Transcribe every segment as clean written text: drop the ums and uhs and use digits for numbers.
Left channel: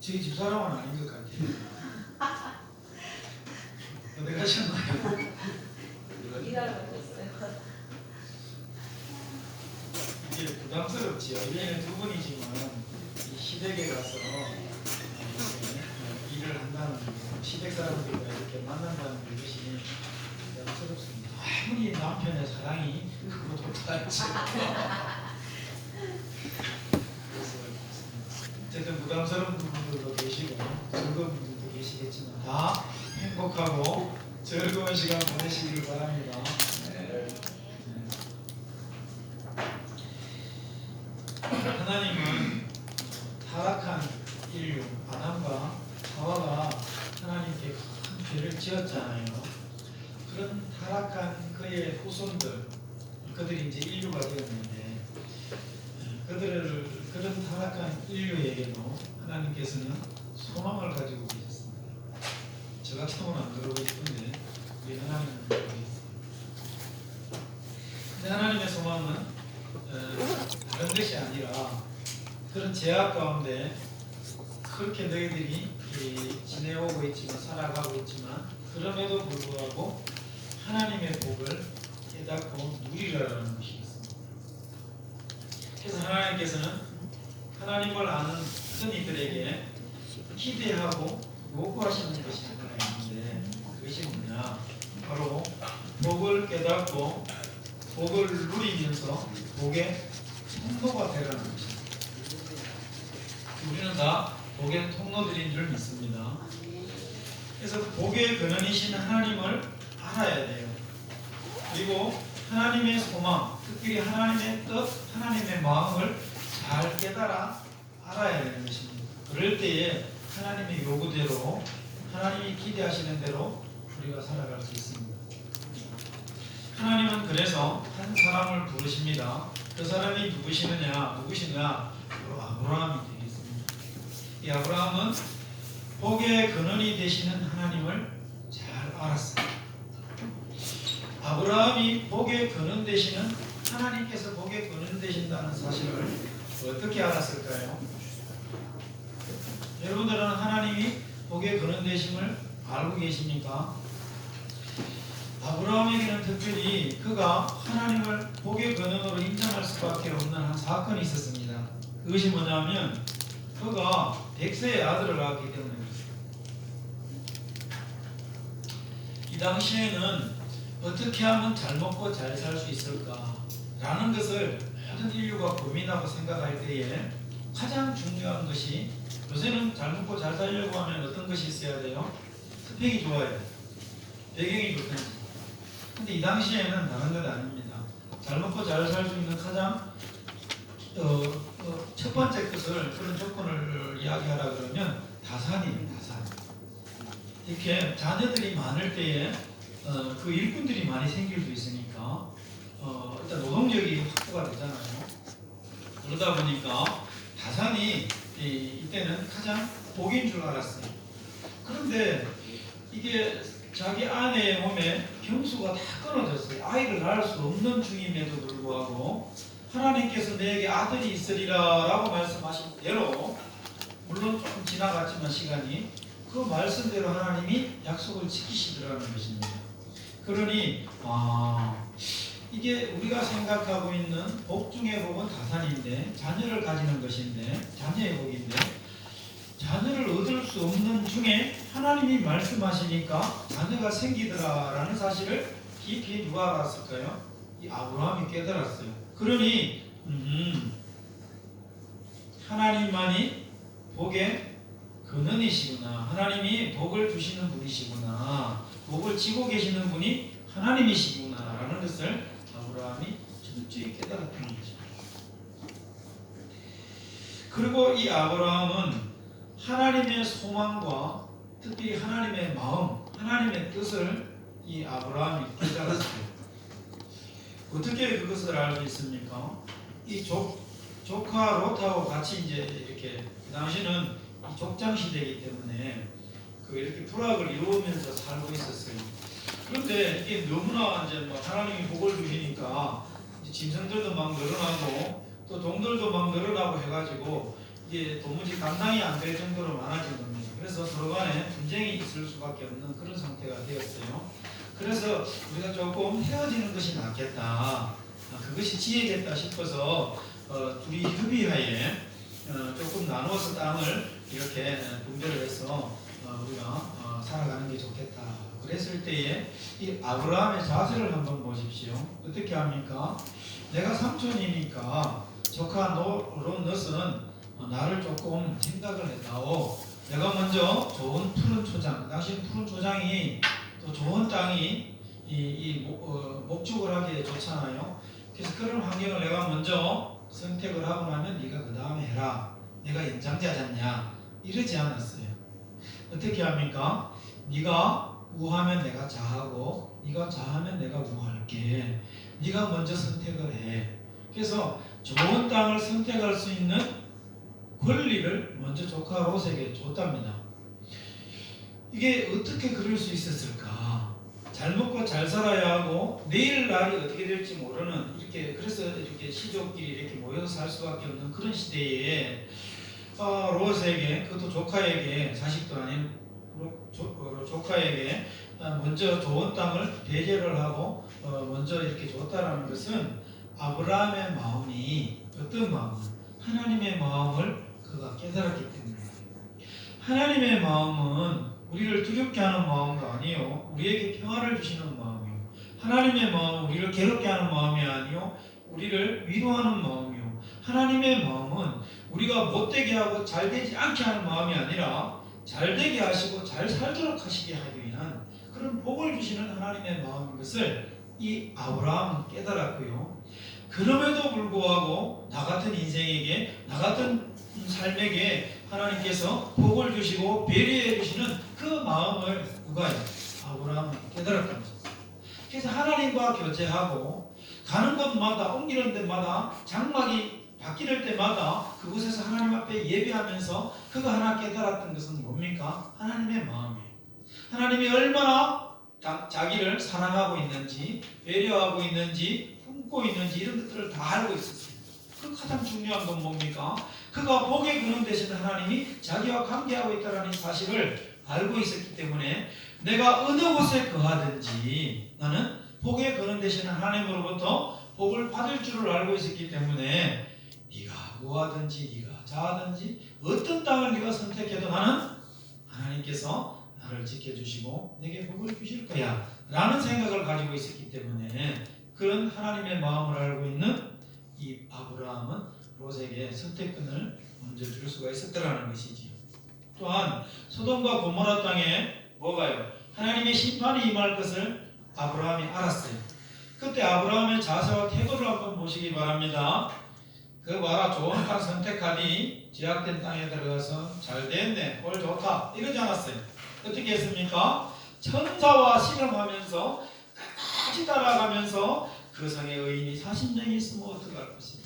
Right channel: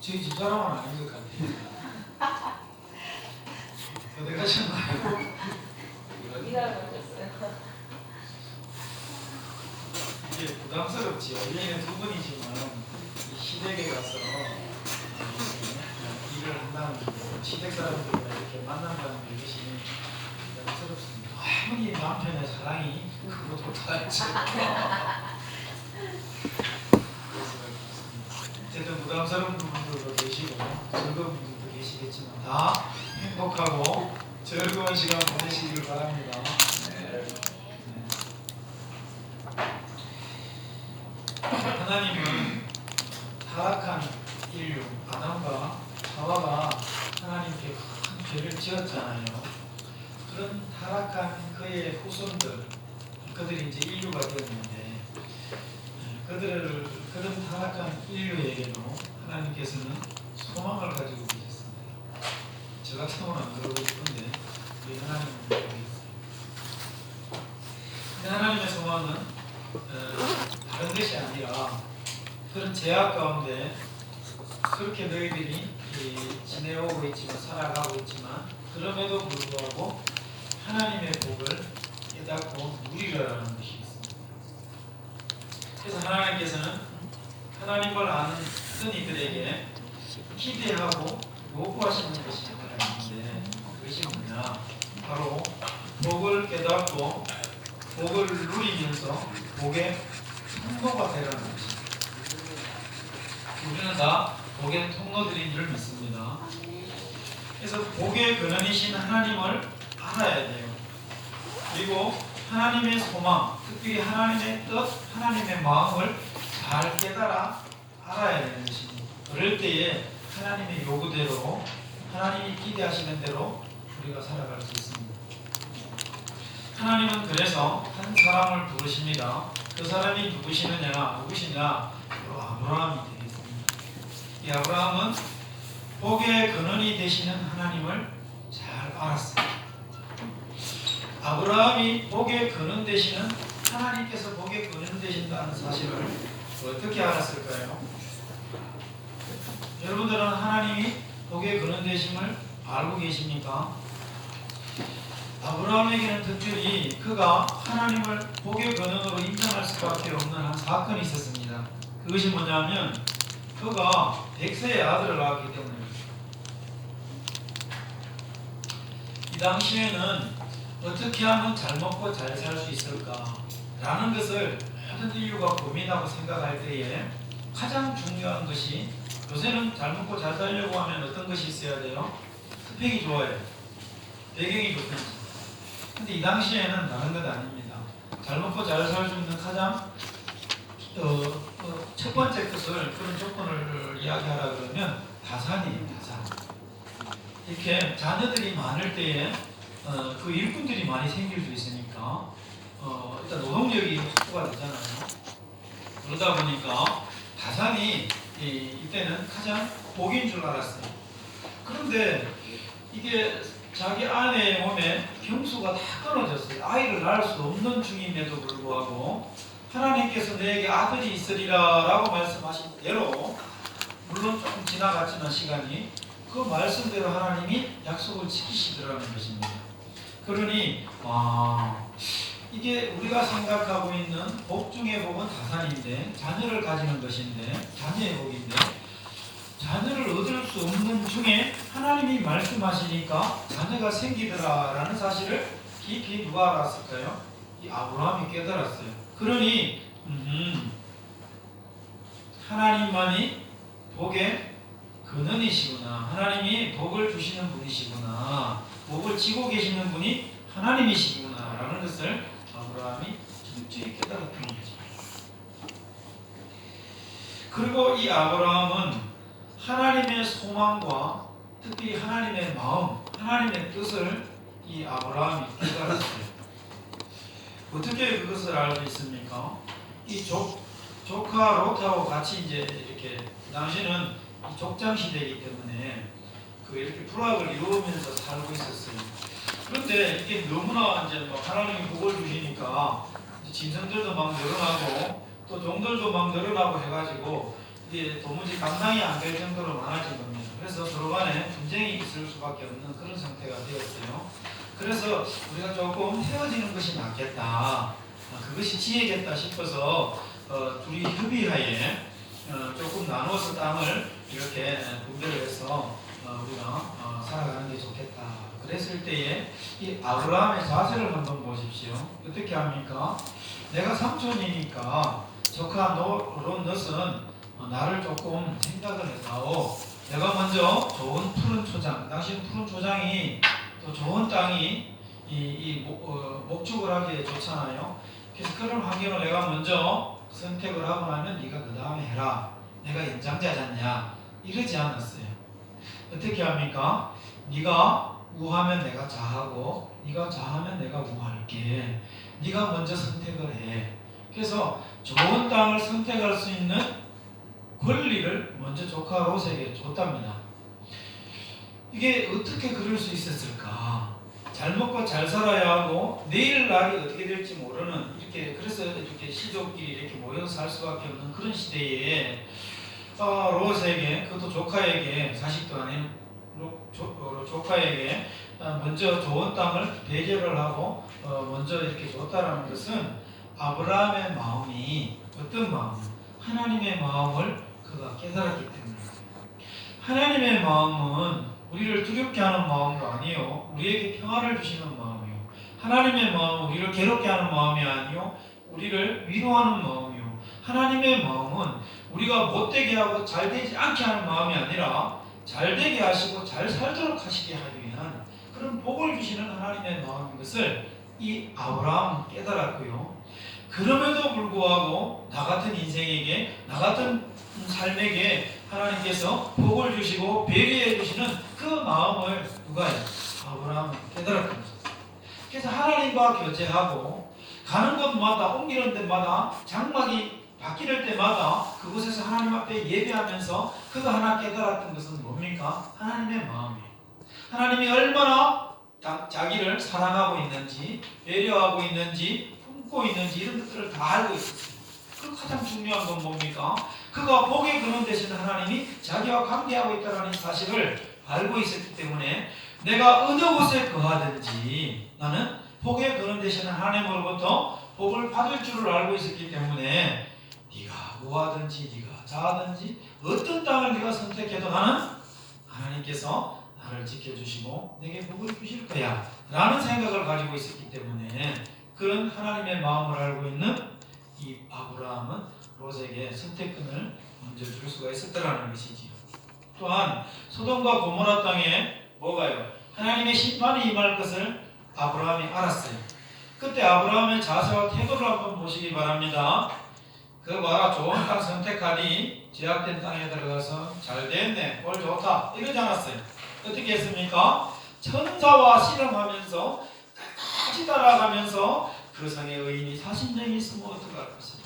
저희 집사람은 아닌 것 같아요. 어디 가셨나요? 일하러 가셨어요. 이게 부담스럽지요. 1년에 2번이지만 시댁에 가서 일을 한다는 거, 시댁 사람들과 이렇게 만난다는 것이 부담스럽습니다. 아무리 남편의 사랑이 크고 좋다했지. 어쨌든 부담스러운 부분들도 계시고 즐거운 분들도 계시겠지만 다 행복하고 즐거운 시간 보내시길 바랍니다. 하나님은 타락한 인류 아담과 하와가 하나님께 큰 죄를 지었잖아요. 그런 타락한 그의 후손들, 그들이 이제 인류가 되었는데 그런 타락한 인류에게도 하나님께서는 소망을 가지고 계셨습니다. 저 같은 경우는 안 그러고 싶은데 우리 하나님은 그러겠습니다. 하나님의 소망은 다른 것이 아니라 그런 제약 가운데 그렇게 너희들이 지내오고 있지만 살아가고 있지만 그럼에도 불구하고 하나님의 복을 깨닫고 누리라는 것이겠습니다. 그래서 하나님께서는 하나님을 아는 어떤 이들에게 기대하고 요구하시는 것이 하나 있는데 그것이 뭐냐? 바로 복을 깨닫고 복을 누리면서 복의 통로가 되라는 것입니다. 우리는 다 복의 통로들인 줄 믿습니다. 그래서 복의 근원이신 하나님을 알아야 돼요. 그리고 하나님의 소망, 특별히 하나님의 뜻, 하나님의 마음을 잘 깨달아 알아야 되는 것입니다. 그럴 때에 하나님의 요구대로 하나님이 기대하시는 대로 우리가 살아갈 수 있습니다. 하나님은 그래서 한 사람을 부르십니다. 그 사람이 누구시냐? 바로 아브라함이 되겠습니다. 이 아브라함은 복의 근원이 되시는 하나님을 잘 알았어요. 아브라함이 복의 근원 되시는 하나님께서 복의 근원 되신다는 사실을 어떻게 알았을까요? 여러분들은 하나님이 복의 근원 되심을 알고 계십니까? 아브라함에게는 특별히 그가 하나님을 복의 근원으로 인정할 수밖에 없는 한 사건이 있었습니다. 그것이 뭐냐면 그가 백세의 아들을 낳았기 때문입니다. 이 당시에는 어떻게 하면 잘 먹고 잘 살 수 있을까 라는 것을 모든 인류가 고민하고 생각할 때에 가장 중요한 것이 요새는 잘 먹고 잘 살려고 하면 어떤 것이 있어야 돼요? 스펙이 좋아요. 배경이 좋든지. 근데 이 당시에는 다른 것 아닙니다. 잘 먹고 잘 살 수 있는 가장 첫 번째 것을 그런 조건을 이야기하라 그러면 다산이에요. 다산. 이렇게 자녀들이 많을 때에 그 일꾼들이 많이 생길 수 있으니까 일단 노동력이 확보가 되잖아요. 그러다 보니까 다산이 이때는 가장 복인 줄 알았어요. 그런데 이게 자기 아내의 몸에 병수가 다 끊어졌어요. 아이를 낳을 수 없는 중임에도 불구하고 하나님께서 내게 아들이 있으리라 라고 말씀하신 대로 물론 조금 지나갔지만 시간이 그 말씀대로 하나님이 약속을 지키시더라는 것입니다. 그러니 이게 우리가 생각하고 있는 복 중의 복은 다산인데 자녀를 가지는 것인데 자녀의 복인데 자녀를 얻을 수 없는 중에 하나님이 말씀하시니까 자녀가 생기더라라는 사실을 깊이 누가 알았을까요? 이 아브라함이 깨달았어요. 그러니 하나님만이 복의 근원이시구나. 하나님이 복을 주시는 분이시구나. 복을 지고 계시는 분이 하나님이시구나 라는 것을 아브라함이 철저히 깨달았던 거죠. 그리고 이 아브라함은 하나님의 소망과 특히 하나님의 마음, 하나님의 뜻을 이 아브라함이 깨달았어요. 어떻게 그것을 알 수 있습니까? 이 조카 롯하고 같이 이제 이렇게 당시는 족장 시대이기 때문에 이렇게 부락을 이루면서 살고 있었어요. 그런데 이게 너무나 이제 막 하나님이 복을 주시니까 짐승들도 막 늘어나고 또 종들도 막 늘어나고 해가지고 이게 도무지 감당이 안 될 정도로 많아진 겁니다. 그래서 서로 간에 분쟁이 있을 수밖에 없는 그런 상태가 되었어요. 그래서 우리가 조금 헤어지는 것이 낫겠다, 그것이 지혜겠다 싶어서 둘이 협의하에 조금 나누어서 땅을 이렇게 분배를 해서 우리가 살아가는 게 좋겠다. 그랬을 때에 이 아브라함의 자세를 한번 보십시오. 어떻게 합니까? 내가 삼촌이니까 조카 롯은 나를 조금 생각을 해다오. 내가 먼저 좋은 푸른 초장, 당신 푸른 초장이 또 좋은 땅이 목축을 하기에 좋잖아요. 그래서 그런 환경을 내가 먼저 선택을 하고 나면 네가 그 다음에 해라. 내가 연장자잖냐? 이러지 않았어요. 어떻게 합니까? 네가 우하면 내가 자하고 네가 자하면 내가 우할게. 네가 먼저 선택을 해. 그래서 좋은 땅을 선택할 수 있는 권리를 먼저 조카 롯에게 줬답니다. 이게 어떻게 그럴 수 있었을까? 잘 먹고 잘 살아야 하고 내일 날이 어떻게 될지 모르는, 그래서 이렇게 시족끼리 이렇게 모여서 살 수밖에 없는 그런 시대에 롯에게, 그것도 조카에게, 자식도 아닌 조카에게 먼저 좋은 땅을 배제를 하고 먼저 이렇게 줬다라는 것은 아브라함의 마음이 어떤 마음? 하나님의 마음을 그가 깨달았기 때문입니다. 하나님의 마음은 우리를 두렵게 하는 마음도 아니요, 우리에게 평안을 주시는 마음이요. 하나님의 마음은 우리를 괴롭게 하는 마음이 아니요, 우리를 위로하는 마음이요. 하나님의 마음은 우리가 못되게 하고 잘되지 않게 하는 마음이 아니라 잘되게 하시고 잘 살도록 하시게 하기 위한 그런 복을 주시는 하나님의 마음인 것을 이 아브라함은 깨달았고요. 그럼에도 불구하고 나 같은 인생에게, 나 같은 삶에게 하나님께서 복을 주시고 배려해 주시는 그 마음을 누가 해요? 아브라함은 깨달았던 거죠. 그래서 하나님과 교제하고 가는 곳마다, 옮기는 데마다, 장막이 바뀔 때마다 그곳에서 하나님 앞에 예배하면서 그가 하나 깨달았던 것은 뭡니까? 하나님의 마음이에요. 하나님이 얼마나 자기를 사랑하고 있는지, 배려하고 있는지, 품고 있는지 이런 것들을 다 알고 있었어요. 그 가장 중요한 건 뭡니까? 그가 복의 근원 되신 하나님이 자기와 관계하고 있다는 사실을 알고 있었기 때문에 내가 어느 곳에 거하든지 나는 복의 근원 되시는 하나님으로부터 복을 받을 줄을 알고 있었기 때문에 네가 뭐하든지 네가 자하든지 어떤 땅을 네가 선택해도 나는 하나님께서 나를 지켜주시고 내게 복을 주실 거야 라는 생각을 가지고 있었기 때문에 그런 하나님의 마음을 알고 있는 이 아브라함은 롯에게 선택권을 먼저 줄 수가 있었다라는 것이지요. 또한 소돔과 고모라 땅에 뭐가요? 하나님의 심판이 임할 것을 아브라함이 알았어요. 그때 아브라함의 자세와 태도를 한번 보시기 바랍니다. 그 봐라, 좋은 땅 선택하니 제약된 땅에 들어가서 잘 됐네, 꼴 좋다 이러지 않았어요. 어떻게 했습니까? 천사와 실험하면서 끝까지 따라가면서 그 성에 의인이 40명이 있으면 어떡할 것입니까?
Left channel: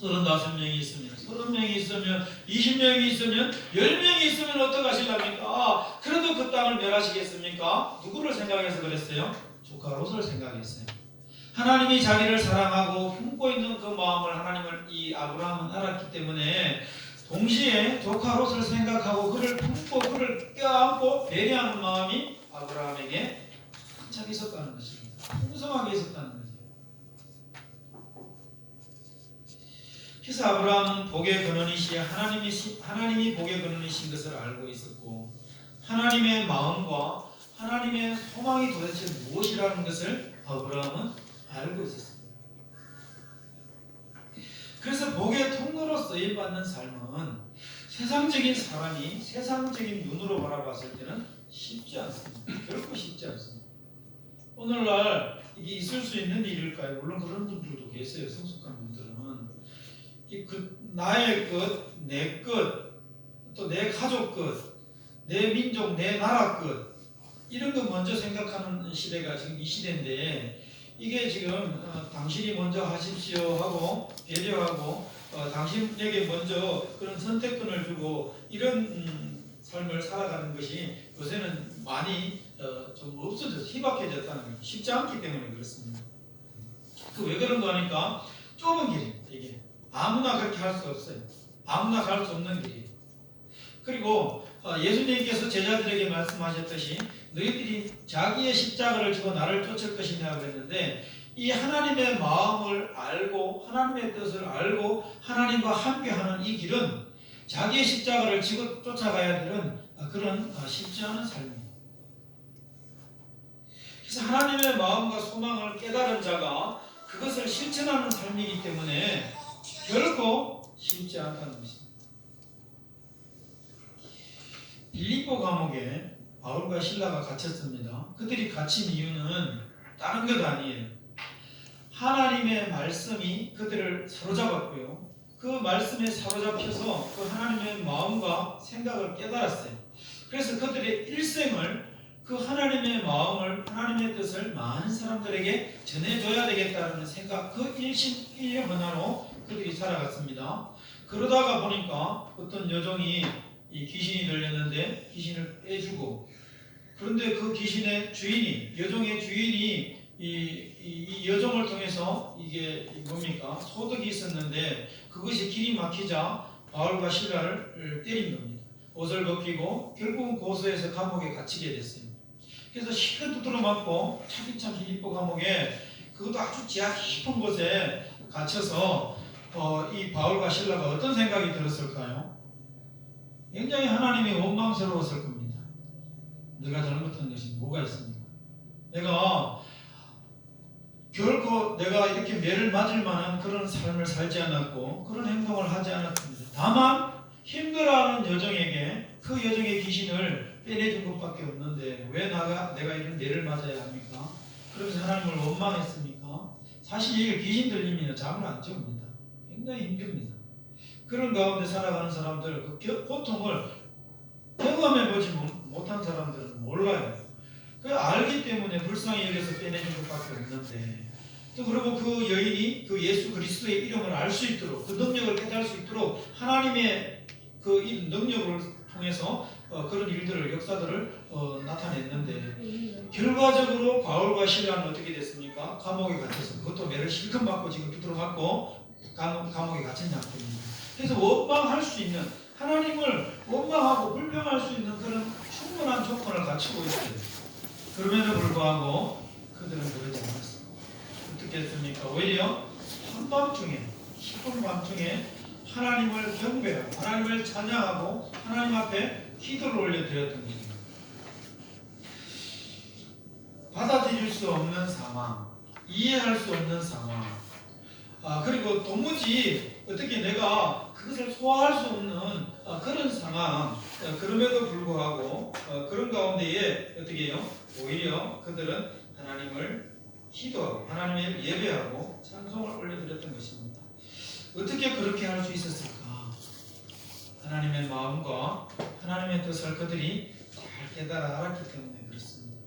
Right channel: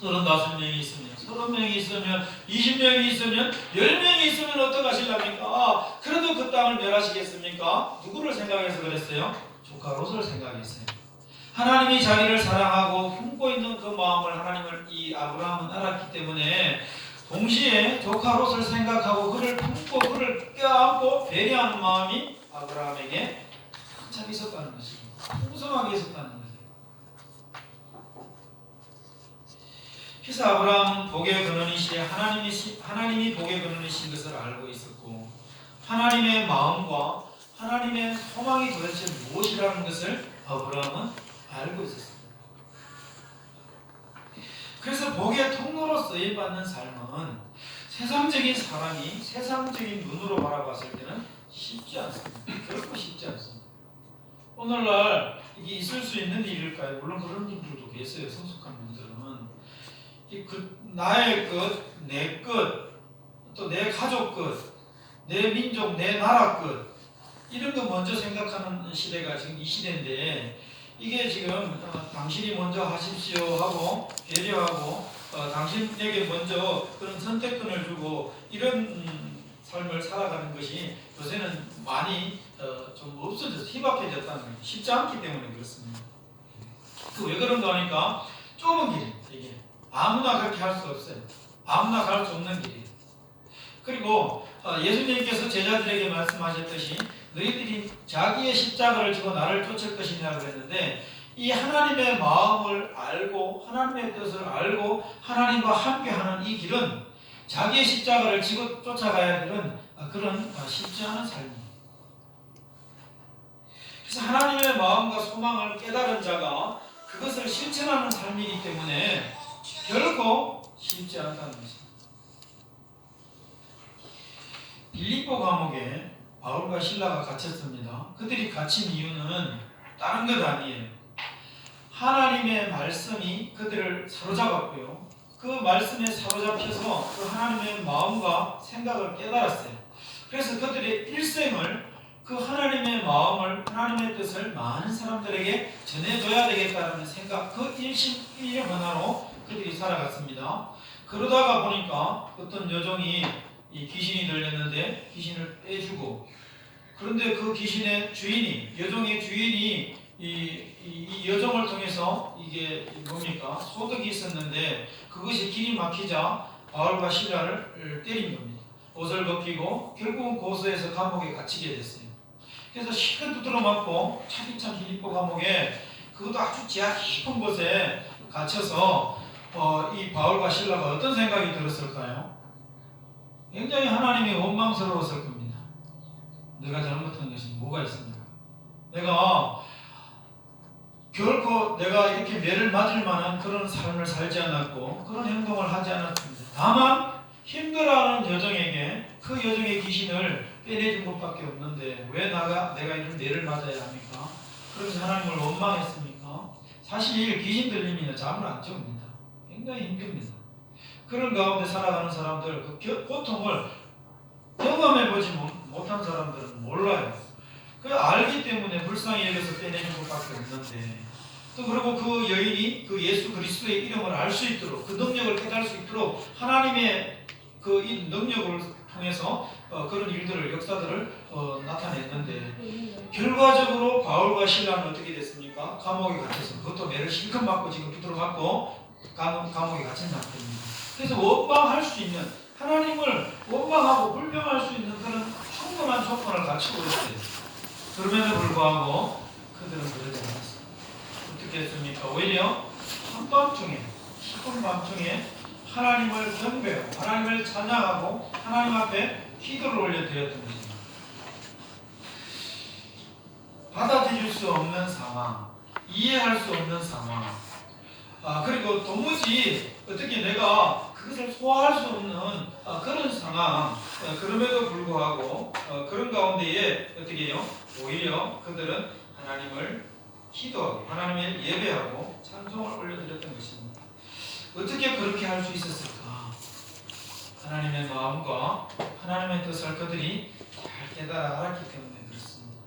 35명이 있으면, 30명이 있으면, 20명이 있으면, 10명이 있으면 어떡하시렵니까? 그래도 그 땅을 멸하시겠습니까? 누구를 생각해서 그랬어요? 조카 롯을 생각했어요. 하나님이 자기를 사랑하고 품고 있는 그 마음을 하나님을 이 아브라함은 알았기 때문에 동시에 조카 롯을 생각하고 그를 품고 그를 껴안고 배려하는 마음이 아브라함에게 한참 있었다는 것입니다. 풍성하게 있었다는 거죠. 그래서 아브라함은 복의 근원이시여 하나님이 복의 근원이신 것을 알고 있었고 하나님의 마음과 하나님의 소망이 도대체 무엇이라는 것을 아브라함은 알고 있었습니다. 그래서 복의 통로로 쓰임받는 삶은 세상적인 사람이 세상적인 눈으로 바라봤을 때는 쉽지 않습니다. 결코 쉽지 않습니다. 오늘날 이게 있을 수 있는 일일까요? 물론 그런 분들도 계세요. 성숙한 분들은 나의 것, 내 것, 또 내 가족 것, 내 민족, 내 나라 것 이런 거 먼저 생각하는 시대가 지금 이 시대인데 이게 지금 당신이 먼저 하십시오 하고 배려하고 당신에게 먼저 그런 선택권을 주고 이런 삶을 살아가는 것이 요새는 많이 좀 없어져서 희박해졌다는 게 쉽지 않기 때문에 그렇습니다. 그 왜 그런가 하니까 좁은 길입니다. 이게 아무나 그렇게 할 수 없어요. 아무나 갈 수 없는 길이에요. 그리고 예수님께서 제자들에게 말씀하셨듯이 너희들이 자기의 십자가를 지고 나를 쫓을 것이냐 그랬는데, 이 하나님의 마음을 알고 하나님의 뜻을 알고 하나님과 함께하는 이 길은 자기의 십자가를 지고 쫓아가야 되는 그런 쉽지 않은 삶입니다. 그래서 하나님의 마음과 소망을 깨달은 자가 그것을 실천하는 삶이기 때문에 결코 쉽지 않다는 것입니다. 빌립보 감옥에 바울과 실라가 갇혔습니다. 그들이 갇힌 이유는 다른 것 아니에요. 하나님의 말씀이 그들을 사로잡았고요. 그 말씀에 사로잡혀서 그 하나님의 마음과 생각을 깨달았어요. 그래서 그들의 일생을 그 하나님의 마음을, 하나님의 뜻을 많은 사람들에게 전해줘야 되겠다는 생각, 그 일심 하나로 그들이 살아갔습니다. 그러다가 보니까 어떤 여종이 이 귀신이 들렸는데 귀신을 빼주고, 그런데 그 귀신의 주인이, 여종의 주인이 이 여종을 통해서 이게 뭡니까? 소득이 있었는데 그것이 길이 막히자 바울과 실라를 때린 겁니다. 옷을 벗기고 결국은 고소해서 감옥에 갇히게 됐어요. 그래서 실컷 두드러 맞고 차디찬 빌립보 감옥에, 그것도 아주 지하 깊은 곳에 갇혀서 이 바울과 실라가 어떤 생각이 들었을까요? 굉장히 하나님이 원망스러웠을 겁니다. 내가 잘못한 것이 뭐가 있습니까? 내가 결코 내가 이렇게 매를 맞을 만한 그런 삶을 살지 않았고 그런 행동을 하지 않았습니다. 다만 힘들어하는 여종에게 그 여종의 귀신을 빼내준 것밖에 없는데 왜 내가 이런 매를 맞아야 합니까? 그래서 하나님을 원망했습니까? 사실 귀신 들리면 잠을 안 줍니다. 굉장히 힘듭니다. 그런 가운데 살아가는 사람들, 그 고통을 경험해보지 못한 사람들은 몰라요. 그 알기 때문에 불쌍히 여겨서 빼내는 것밖에 없는데, 또 그리고 그 여인이 그 예수 그리스도의 이름을 알 수 있도록, 그 능력을 깨달을 수 있도록 하나님의 그 이 능력을 통해서 그런 일들을, 역사들을 나타냈는데, 결과적으로 바울과 실라는 어떻게 됐습니까? 감옥에 갇혀서, 그것도 매를 실컷 맞고 지금 비틀어 맞고 감옥에 갇힌 상태입니다. 그래서 원망할 수 있는, 하나님을 원망하고 불평할 수 있는 그런 충분한 조건을 갖추고 있어요. 그럼에도 불구하고 그들은 그러지 않았어요. 어떻게 했습니까? 오히려 한밤중에, 깊은 밤중에 하나님을 경배하고 하나님을 찬양하고 하나님 앞에 기도를 올려드렸던 것입니다. 받아들일 수 없는 상황, 이해할 수 없는 상황, 그리고 도무지 어떻게 내가 그것을 소화할 수 없는 그런 상황, 그럼에도 불구하고 그런 가운데에 어떻게 해요? 오히려 그들은 하나님을 기도하고 하나님을 예배하고 찬송을 올려드렸던 것입니다. 어떻게 그렇게 할 수 있었을까? 하나님의 마음과 하나님의 뜻을 그들이 잘 깨달아 알았기 때문에 그렇습니다.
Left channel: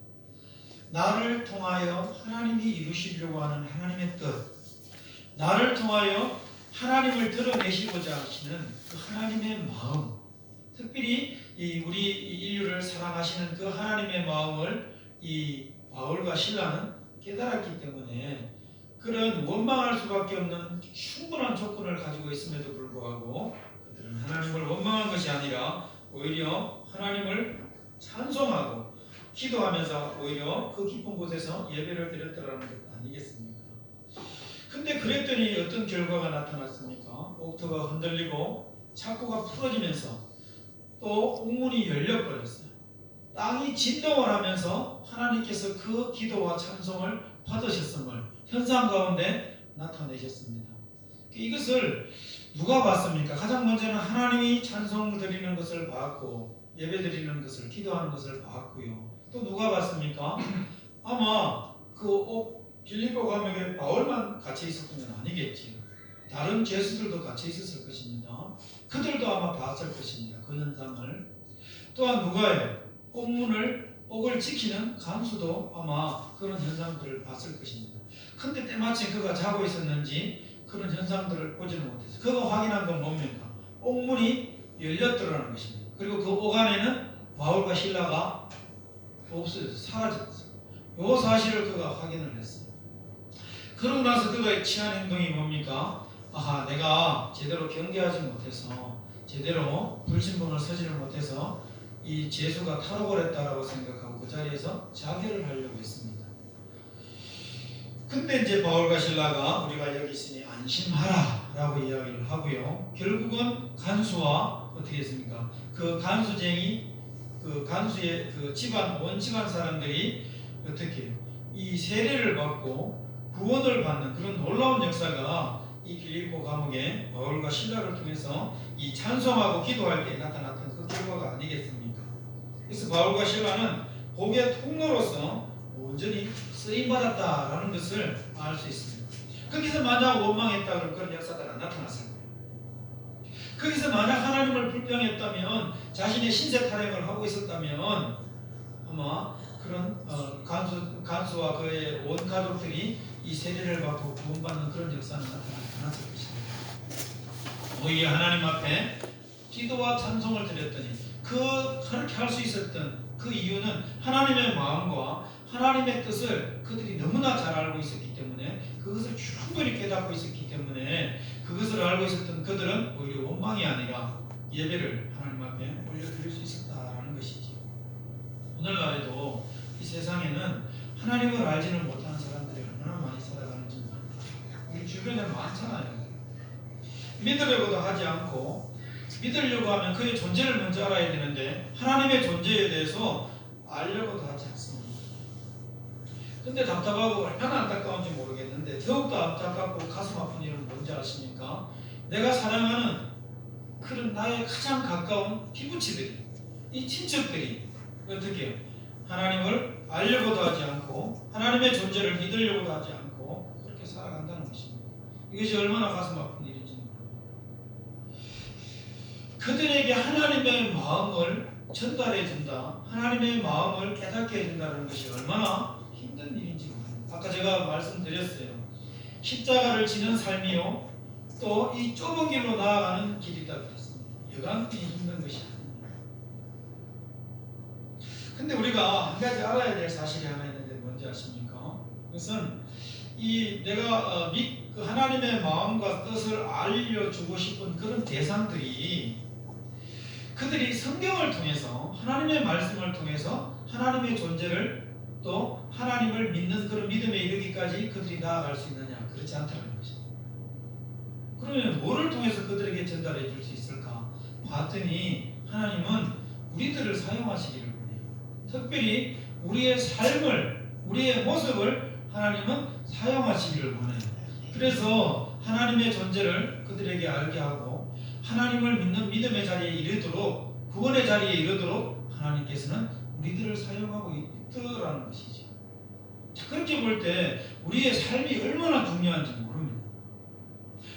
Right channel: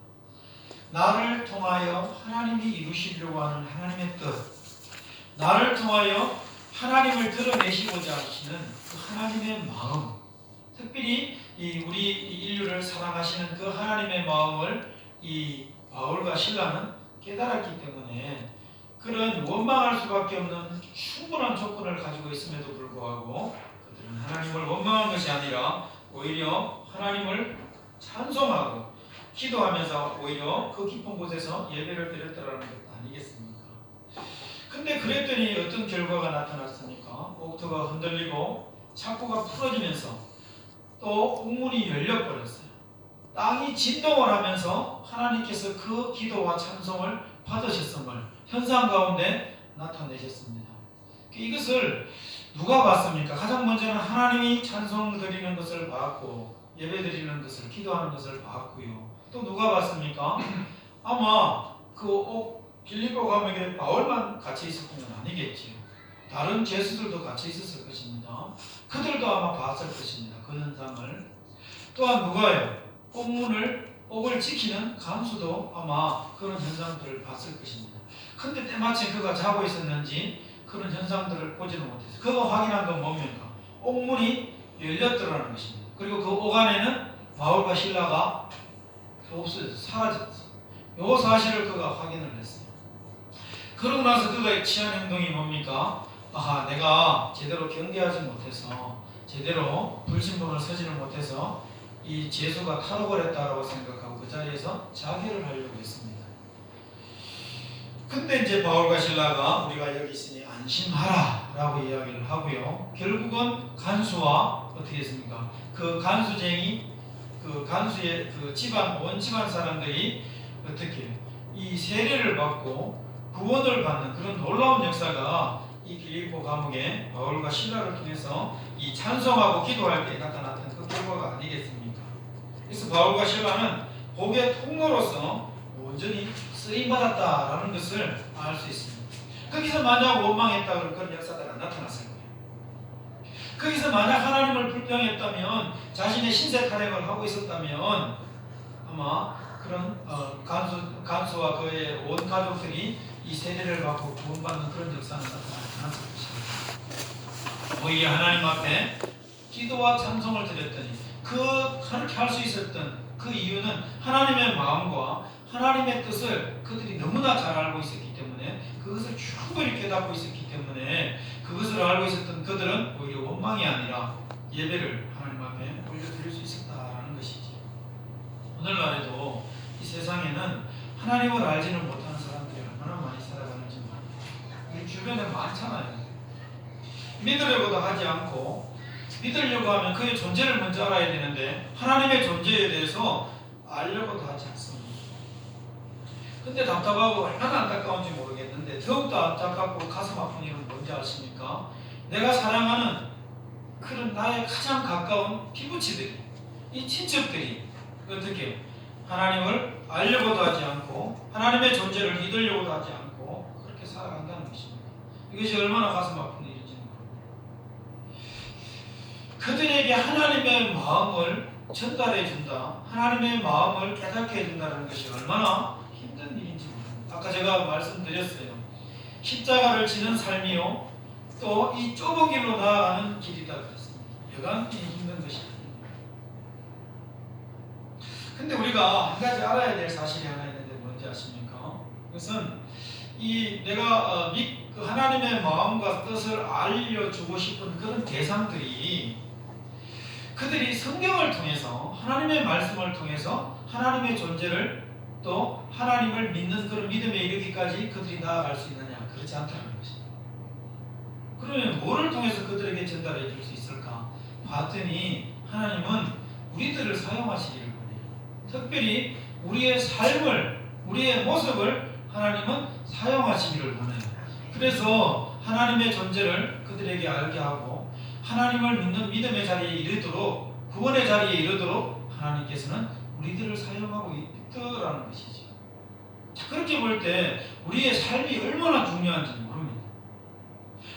나를 통하여 하나님이 이루시려고 하는 하나님의 뜻, 나를 통하여 하나님을 드러내시고자 하시는 그 하나님의 마음, 특별히 우리 인류를 사랑하시는 그 하나님의 마음을 이 바울과 실라는 깨달았기 때문에 그런 원망할 수밖에 없는 충분한 조건을 가지고 있음에도 불구하고 그들은 하나님을 원망한 것이 아니라 오히려 하나님을 찬송하고 기도하면서 오히려 그 깊은 곳에서 예배를 드렸다라는 것 아니겠습니까? 근데 그랬더니 어떤 결과가 나타났습니까? 옥토가 흔들리고 창고가 풀어지면서 또 옥문이 열려버렸어요. 땅이 진동을 하면서 하나님께서 그 기도와 찬송을 받으셨음을 현상 가운데 나타내셨습니다. 이것을 누가 봤습니까? 가장 먼저는 하나님이 찬송 드리는 것을 봤고 예배 드리는 것을, 기도하는 것을 봤고요. 또 누가 봤습니까? 아마 그 빌립보 감옥에 바울만 갇혀 있었던 건 아니겠지요. 다른 죄수들도 갇혀 있었을 것입니다. 그들도 아마 봤을 것입니다. 그 현상을. 또한 누가요? 옥을 지키는 간수도 아마 그런 현상들을 봤을 것입니다. 근데 때마침 그가 자고 있었는지 그런 현상들을 보지는 못했어요. 그가 확인한 건 뭡니까? 옥문이 열렸더라는 것입니다. 그리고 그 옥 안에는 바울과 실라가 없어졌어요. 사라졌어요. 이 사실을 그가 확인을 했어요. 그러고 나서 그가 취한 행동이 뭡니까? 내가 제대로 경계하지 못해서 제대로 불신봉을 서지를 못해서 이 죄수가 탈옥을 했다고 생각하고 그 자리에서 자결을 하려고 했습니다. 근데 이제 바울과 실라가 우리가 여기 있으니 안심하라 라고 이야기를 하고요. 결국은 간수와 어떻게 했습니까? 그 간수쟁이 그 간수의 그 집안 온 집안 사람들이 어떻게 이 세례를 받고 구원을 받는 그런 놀라운 역사가 이 빌립보 감옥에 바울과 실라를 통해서 이 찬송하고 기도할 때 나타났던 그 결과가 아니겠습니까? 그래서 바울과 실라는 복의 통로로서 온전히 쓰임받았다라는 것을 알 수 있습니다. 거기서 만약 원망했다 그러면 그런 역사가 안 나타났을 거예요. 거기서 만약 하나님을 불평했다면 자신의 신세 타령을 하고 있었다면 아마 그런 간수와 그의 온 가족들이 이 세례를 받고 구원받는 그런 역사는 나타나지 않았을 것입니다. 오히려 하나님 앞에 기도와 찬송을 드렸더니 그렇게 할 수 있었던 그 이유는 하나님의 마음과 하나님의 뜻을 그들이 너무나 잘 알고 있었기 때문에 그것을 충분히 깨닫고 있었기 때문에 그것을 알고 있었던 그들은 오히려 원망이 아니라 예배를 하나님 앞에 올려드릴 수 있었다라는 것이지. 오늘날에도 이 세상에는 하나님을 알지는 못하는 사람들이 얼마나 많이 살아가는지 우리 주변에 많잖아요. 믿으려고도 하지 않고 믿으려고 하면 그의 존재를 먼저 알아야 되는데 하나님의 존재에 대해서 알려고도 하지 않습니다. 근데 답답하고 얼마나 안타까운지 모르겠는데 더욱더 안타깝고 가슴 아픈 일은 뭔지 아십니까? 내가 사랑하는 그런 나의 가장 가까운 피부치들이 이 친척들이 어떻게 하나님을 알려고도 하지 않고 하나님의 존재를 믿으려고도 하지 않고 그렇게 살아간다는 것입니다. 이것이 얼마나 가슴 아픈 일인지 모릅니다. 그들에게 하나님의 마음을 전달해 준다, 하나님의 마음을 깨닫게 해준다는 것이 얼마나 힘든 일인지 모릅니다. 아까 제가 말씀드렸어요. 십자가를 지는 삶이요 또 이 좁은 길로 나아가는 길이다 그랬습니다. 여간 힘든 것이 아닙니다. 근데 우리가 한 가지 알아야 될 사실이 하나 있는데 뭔지 아십니까? 그것은 이 내가 하나님의 마음과 뜻을 알려주고 싶은 그런 대상들이 그들이 성경을 통해서 하나님의 말씀을 통해서 하나님의 존재를 또 하나님을 믿는 그런 믿음에 이르기까지 그들이 나아갈 수 있느냐? 그렇지 않다는 것입니다. 그러면 뭐를 통해서 그들에게 전달해 줄 수 있을까? 봤더니 하나님은 우리들을 사용하시기를 원해요. 특별히 우리의 삶을, 우리의 모습을 하나님은 사용하시기를 원해요. 그래서 하나님의 존재를 그들에게 알게 하고 하나님을 믿는 믿음의 자리에 이르도록, 구원의 자리에 이르도록 하나님께서는 우리들을 사용하고 있더라는 것이죠. 그렇게 볼 때 우리의 삶이 얼마나 중요한지 모릅니다.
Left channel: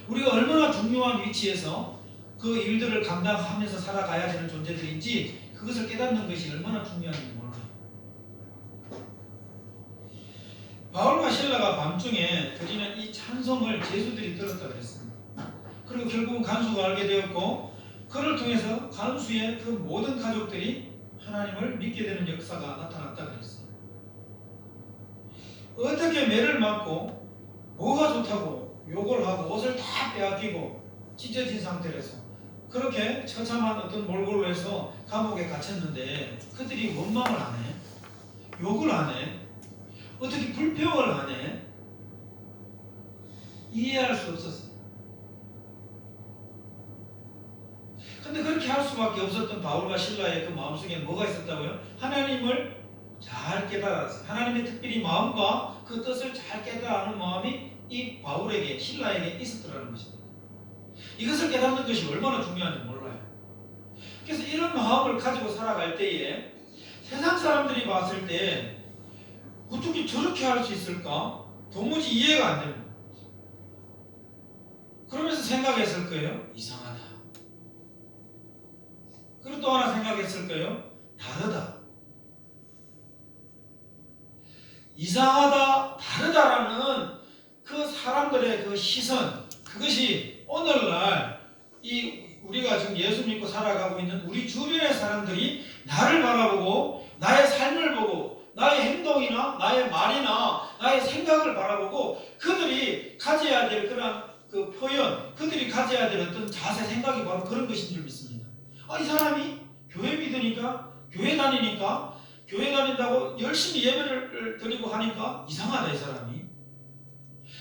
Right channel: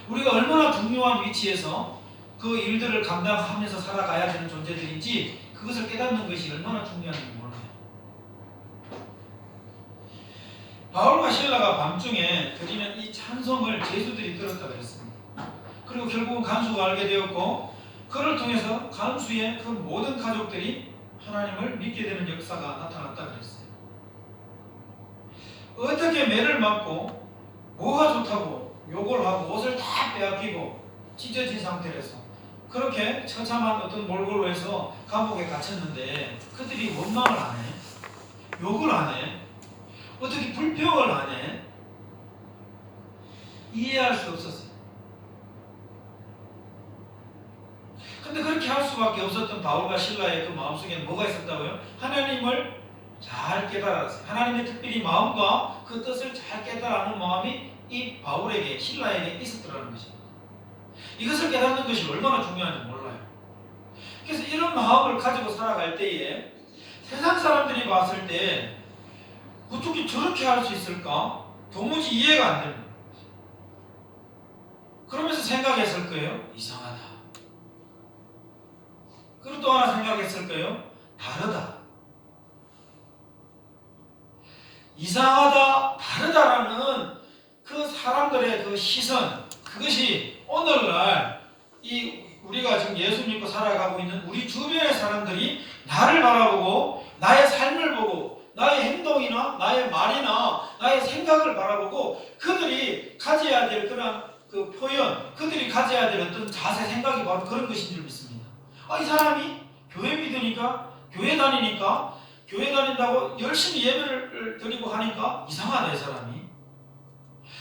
우리가 얼마나 중요한 위치에서 그 일들을 감당하면서 살아가야 되는 존재들인지 그것을 깨닫는 것이 얼마나 중요한지 몰라요. 바울과 실라가 밤중에 드리는 이 찬송을 제수들이 들었다 그랬습니다. 그리고 결국은 간수가 알게 되었고 그를 통해서 간수의 그 모든 가족들이 하나님을 믿게 되는 역사가 나타났다 그랬어요. 어떻게 매를 맞고 뭐가 좋다고 욕을 하고 옷을 다 빼앗기고 찢어진 상태에서 그렇게 처참한 어떤 몰골로 해서 감옥에 갇혔는데 그들이 원망을 안 해? 욕을 안 해? 어떻게 불평을 안 해? 이해할 수 없었어요. 근데 그렇게 할 수밖에 없었던 바울과 실라의 그 마음속에는 뭐가 있었다고요? 하나님을 잘 깨달았어요. 하나님의 특별히 마음과 그 뜻을 잘 깨달아는 마음이 이 바울에게, 실라에게 있었더라는 것입니다. 이것을 깨닫는 것이 얼마나 중요한지 몰라요. 그래서 이런 마음을 가지고 살아갈 때에 세상 사람들이 봤을 때 어떻게 저렇게 할 수 있을까? 도무지 이해가 안 됩니다. 그러면서 생각했을 거예요. 이상하다. 그리고 또 하나 생각했을 거예요. 다르다. 이상하다, 다르다라는 그 사람들의 그 시선, 그것이 오늘날 이 우리가 지금 예수 믿고 살아가고 있는 우리 주변의 사람들이 나를 바라보고 나의 삶을 보고 나의 행동이나 나의 말이나 나의 생각을 바라보고 그들이 가져야 될 그런 그 표현, 그들이 가져야 될 어떤 자세, 생각이 바로 그런 것인 줄 믿습니다. 이 사람이 교회 믿으니까, 교회 다니니까, 교회 다닌다고 열심히 예배를 드리고 하니까 이상하다, 이 사람이.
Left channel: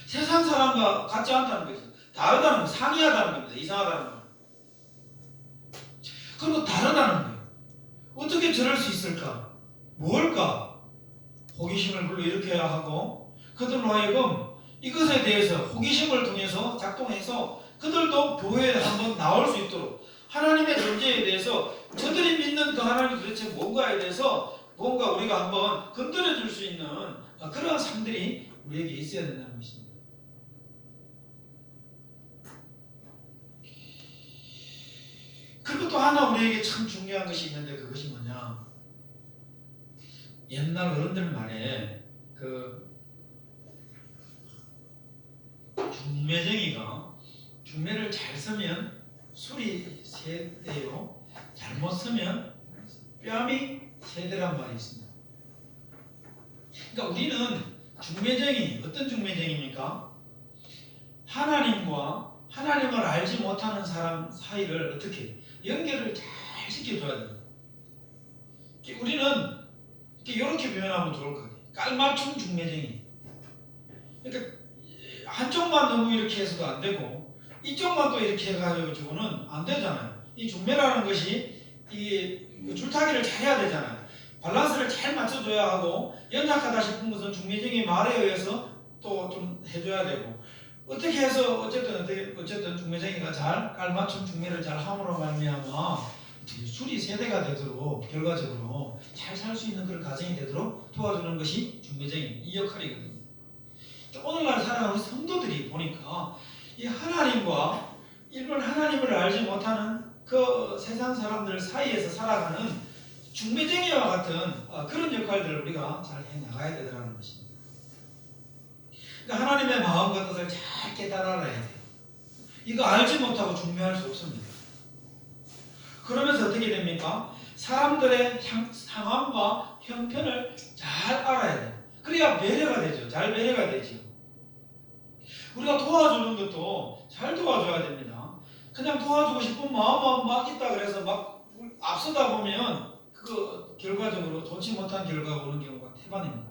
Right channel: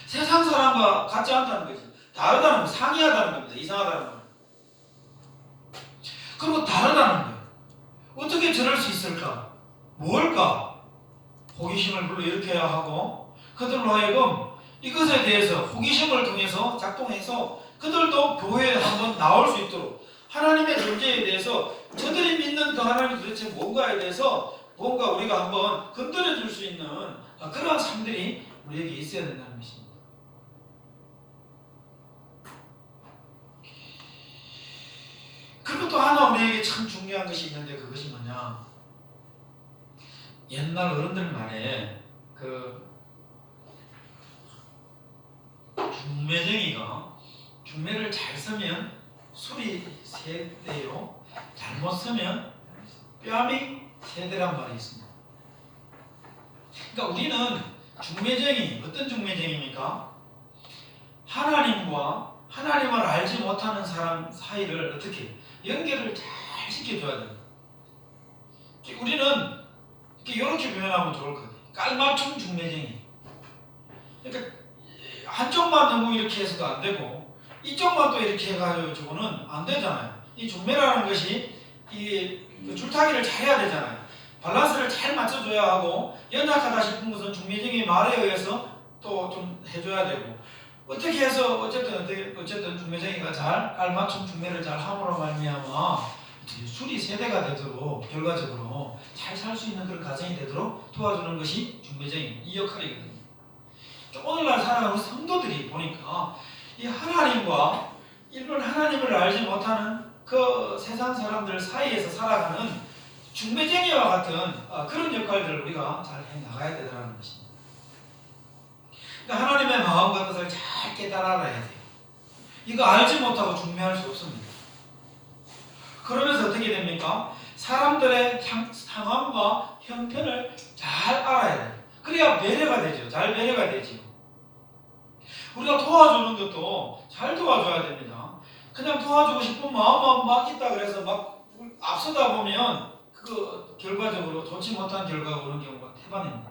세상 사람과 같지 않다는 거지. 다르다는 거, 상이하다는 겁니다. 이상하다는 거. 그리고 다르다는 거예요. 어떻게 저럴 수 있을까? 뭘까? 호기심을 불러일으켜야 하고, 그들로 하여금 이것에 대해서 호기심을 통해서 작동해서 그들도 교회에 한번 나올 수 있도록 하나님의 존재에 대해서 저들이 믿는 그 하나님이 도대체 뭔가에 대해서 뭔가 우리가 한번 건드려 줄 수 있는 그러한 삶들이 우리에게 있어야 된다는 것입니다. 그리고 또 하나 우리에게 참 중요한 것이 있는데 그것이 뭐냐? 옛날 어른들 말에 그 중매쟁이가 중매를 잘 서면 술이 세대요, 잘못 서면 뺨이 세대란 말이 있습니다. 그러니까 우리는 중매쟁이, 어떤 중매쟁이입니까? 하나님과 하나님을 알지 못하는 사람 사이를 어떻게 연결을 잘 시켜줘야 됩니다. 우리는 이렇게 표현하면 좋을 것 같아요. 깔맞춤 중매쟁이. 그러니까 한쪽만 너무 이렇게 해서도 안 되고 이쪽만 또 이렇게 해가지고는 안 되잖아요. 이 중매라는 것이 이게 줄타기를 잘 해야 되잖아요. 밸런스를 잘 맞춰줘야 하고 연약하다 싶은 것은 중매쟁이 말에 의해서 또 좀 해줘야 되고 어떻게 해서 어쨌든 중매쟁이가 잘 깔맞춤 중매를 잘 함으로 말미암아 술이 세대가 되도록 결과적으로 잘 살 수 있는 그런 가정이 되도록 도와주는 것이 중매쟁이 이 역할이거든요. 오늘날 살아가는 성도들이 보니까 이 하나님과 일본 하나님을 알지 못하는 그 세상 사람들 사이에서 살아가는 중매쟁이와 같은 그런 역할들을 우리가 잘 해나가야 되더라는 것입니다. 그러니까 하나님의 마음과 뜻을 잘 깨달아 알아야 돼요. 이거 알지 못하고 중매할 수 없습니다. 그러면서 어떻게 됩니까? 사람들의 상황과 형편을 잘 알아야 돼요. 그래야 배려가 되죠. 잘 배려가 되죠. 우리가 도와주는 것도 잘 도와줘야 됩니다. 그냥 도와주고 싶은 마음만 막 있다 그래서 막 앞서다 보면 그 결과적으로 좋지 못한 결과가 오는 경우가 태반입니다.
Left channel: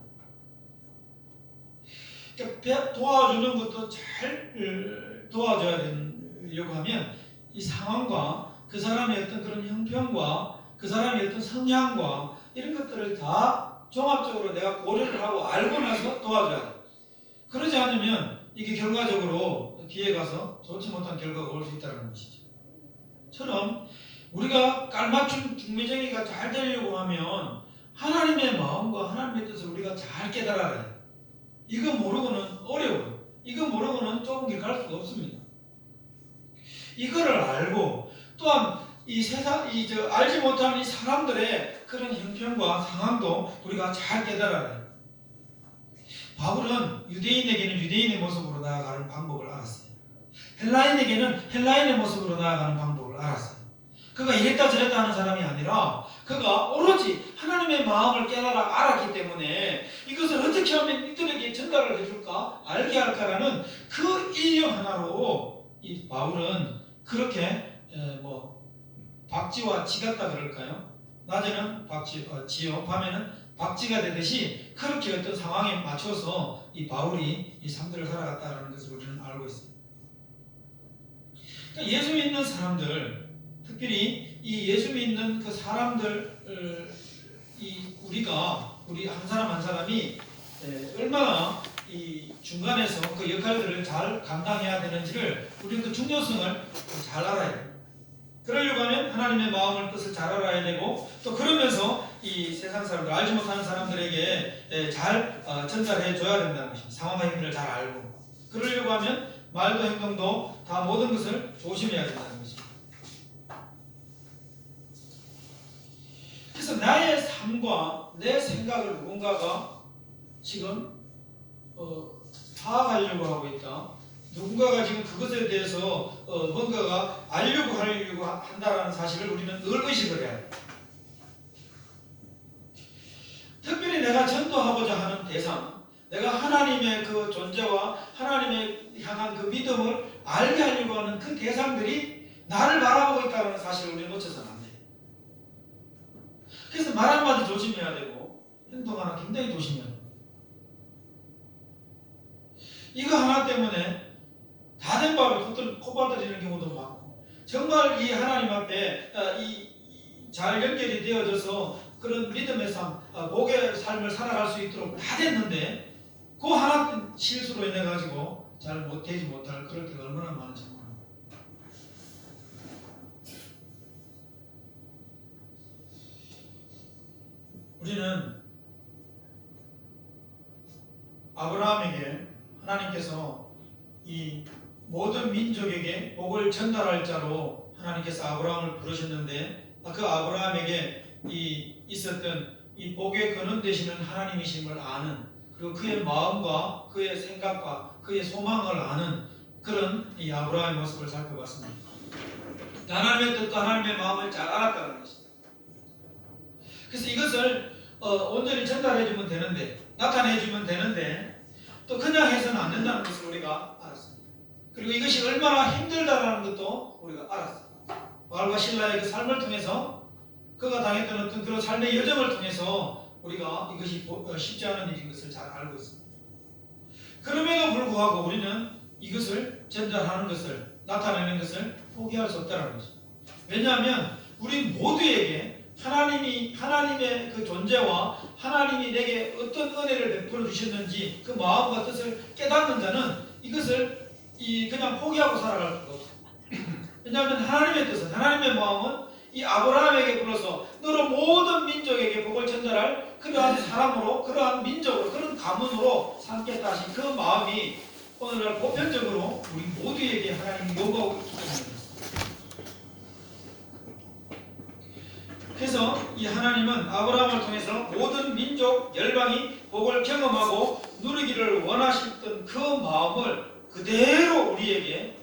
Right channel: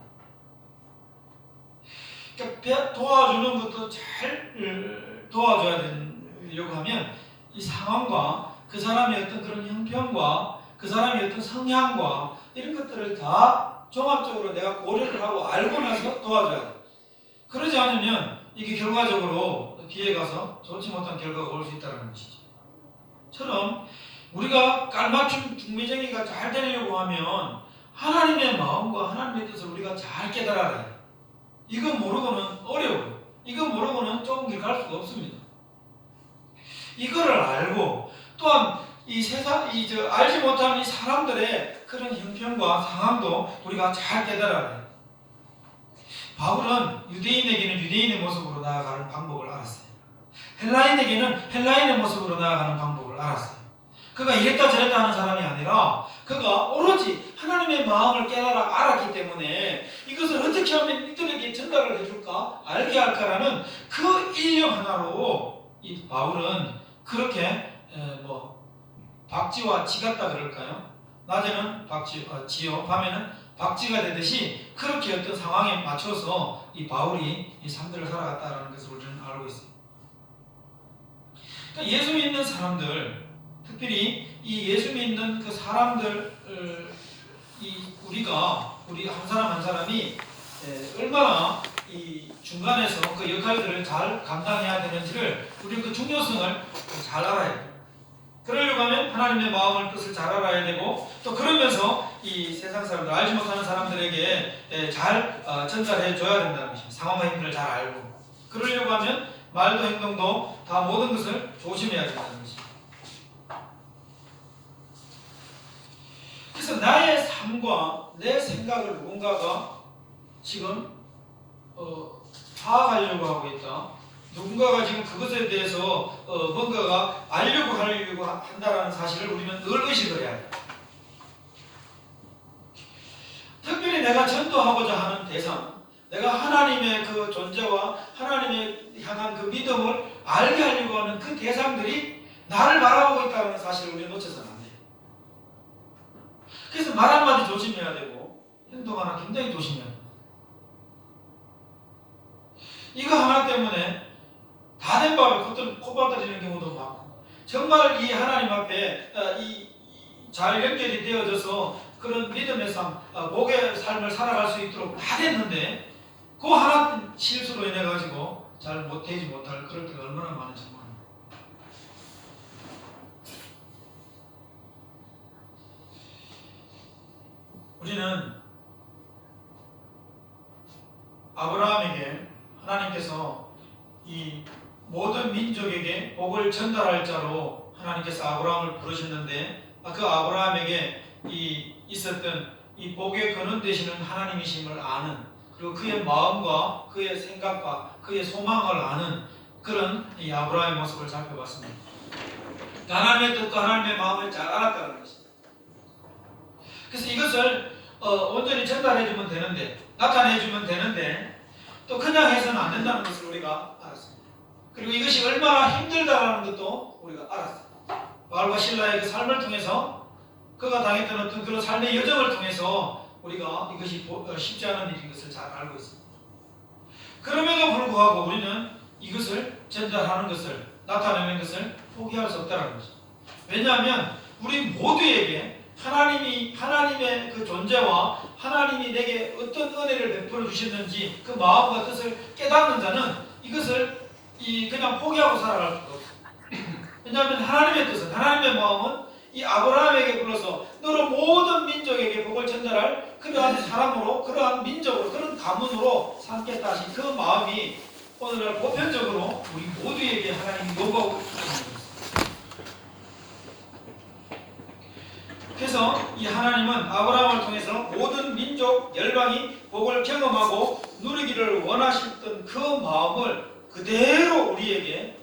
그러니까 도와주는 것도 잘 도와줘야 되려고 하면 이 상황과 그 사람의 어떤 그런 형편과 그 사람의 어떤 성향과 이런 것들을 다 종합적으로 내가 고려를 하고 알고 나서 도와줘야 돼. 그러지 않으면 이게 결과적으로 뒤에 가서 좋지 못한 결과가 올 수 있다는 것이죠. 처럼 우리가 깔맞춤 중매쟁이가 잘 되려고 하면 하나님의 마음과 하나님의 뜻을 우리가 잘 깨달아야 해요. 이거 모르고는 어려워요. 이거 모르고는 좁은 길 갈 수가 없습니다. 이거를 알고 또한 이 세상, 알지 못한 이 사람들의 그런 형편과 상황도 우리가 잘 깨달아야 해요. 바울은 유대인에게는 유대인의 모습으로 나아가는 방법을 알았어요. 헬라인에게는 헬라인의 모습으로 나아가는 방법을 알았어요. 그가 이랬다 저랬다 하는 사람이 아니라 그가 오로지 하나님의 마음을 알았기 때문에 이것을 어떻게 하면 이들에게 전달을 해줄까? 알게 할까라는 그 일념 하나로 이 바울은 그렇게 박쥐와 쥐 같다 그럴까요? 낮에는 쥐요, 밤에는 박쥐가 되듯이 그렇게 어떤 상황에 맞춰서 이 바울이 이 삶들을 살아갔다는 것을 우리는 알고 있습니다. 그러니까 예수 믿는 사람들, 특별히 이 예수 믿는 그 사람들, 우리 한 사람 한 사람이 얼마나 이 중간에서 그 역할들을 잘 감당해야 되는지를 우리 그 중요성을 잘 알아야 돼요. 그러려고 하면 하나님의 마음을 뜻을 잘 알아야 되고 또 그러면서 이 세상 사람들 알지 못하는 사람들에게 잘 전달해 줘야 된다는 것입니다. 상황과 힘들을 잘 알고 그러려고 하면 말도 행동도 다 모든 것을 조심해야 된다는 것입니다. 그래서 나의 삶과 내 생각을 누군가가 지금 파악하려고 하고 있다. 누군가가 지금 그것에 대해서 뭔가가 하려고 한다는 사실을 우리는 늘 의식을 해야 돼요. 특별히 내가 전도하고자 하는 대상, 내가 하나님의 그 존재와 하나님의 향한 그 믿음을 알게 하려고 하는 그 대상들이 나를 바라보고 있다는 사실을 우리가 놓쳐서는 안 돼. 그래서 말 한마디 조심해야 되고 행동 하나 굉장히 조심해야 돼. 이거 하나 때문에 다 된 밥에 코바들이는 경우도 많고, 정말 이 하나님 앞에 잘 연결이 되어져서 그런 믿음의 삶, 복의 삶을 살아갈 수 있도록 다 됐는데 그 하나 실수로 인해 가지고 잘 되지 못할 그럴 때가 얼마나 많은지 몰라요. 우리는 아브라함에게 하나님께서 이 모든 민족에게 복을 전달할 자로 하나님께서 아브라함을 부르셨는데, 그 아브라함에게 있었던 이 복의 근원 되시는 하나님이심을 아는, 그리고 그의 마음과 그의 생각과 그의 소망을 아는 그런 이 아브라함의 모습을 살펴봤습니다. 하나님의 뜻과 하나님의 마음을 잘 알았다는 것입니다. 그래서 이것을 온전히 전달해주면 되는데, 나타내주면 되는데, 또 그냥 해서는 안 된다는 것을 우리가 알았습니다. 그리고 이것이 얼마나 힘들다는 것도 우리가 알았어요. 바울과 실라의 그 삶을 통해서, 그가 당했던 어떤 그런 삶의 여정을 통해서 우리가 이것이 쉽지 않은 일인 것을 잘 알고 있습니다. 그럼에도 불구하고 우리는 이것을 전달하는 것을, 나타내는 것을 포기할 수 없다는 것입니다. 왜냐하면 우리 모두에게 하나님의 그 존재와 하나님이 내게 어떤 은혜를 베풀어 주셨는지 그 마음과 뜻을 깨닫는 자는 이것을 그냥 포기하고 살아갈 수가 없어요. 왜냐하면 하나님의 뜻은, 하나님의 마음은 이 아브라함에게 불러서 너로 모든 민족에게 복을 전달할 그러한 사람으로, 그러한 민족으로, 그런 가문으로 삼겠다 하신 그 마음이 오늘날 보편적으로 우리 모두에게 하나님이 요구하고 있는 것입니다. 그래서 이 하나님은 아브라함을 통해서 모든 민족, 열방이 복을 경험하고 누리기를 원하셨던 그 마음을 그대로 우리에게,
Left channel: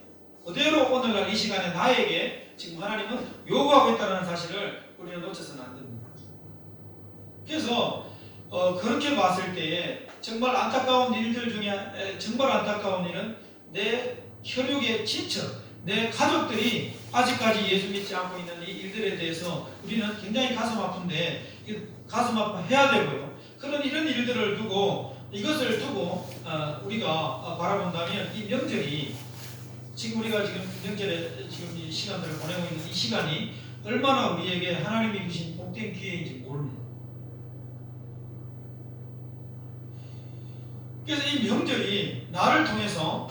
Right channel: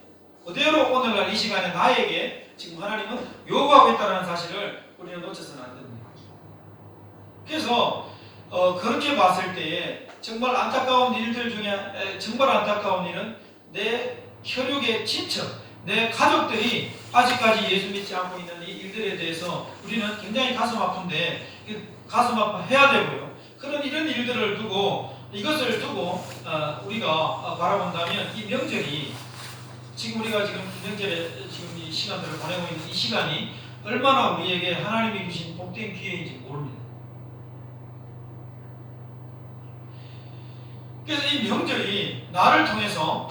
그대로 오늘날 이 시간에 나에게 지금 하나님은 요구하고 있다는 사실을 우리는 놓쳐서는 안 됩니다. 그래서 그렇게 봤을 때에 정말 안타까운 일들 중에 정말 안타까운 일은 내 혈육의 친척, 내 가족들이 아직까지 예수 믿지 않고 있는 이 일들에 대해서 우리는 굉장히 가슴 아픈데, 가슴 아파해야 되고요. 이런 일들을 두고, 이것을 두고 우리가 바라본다면 이 명절이, 지금 우리가 지금 명절에 지금 이 시간들을 보내고 있는 이 시간이 얼마나 우리에게 하나님이 주신 복된 기회인지 모릅니다. 그래서 이 명절이 나를 통해서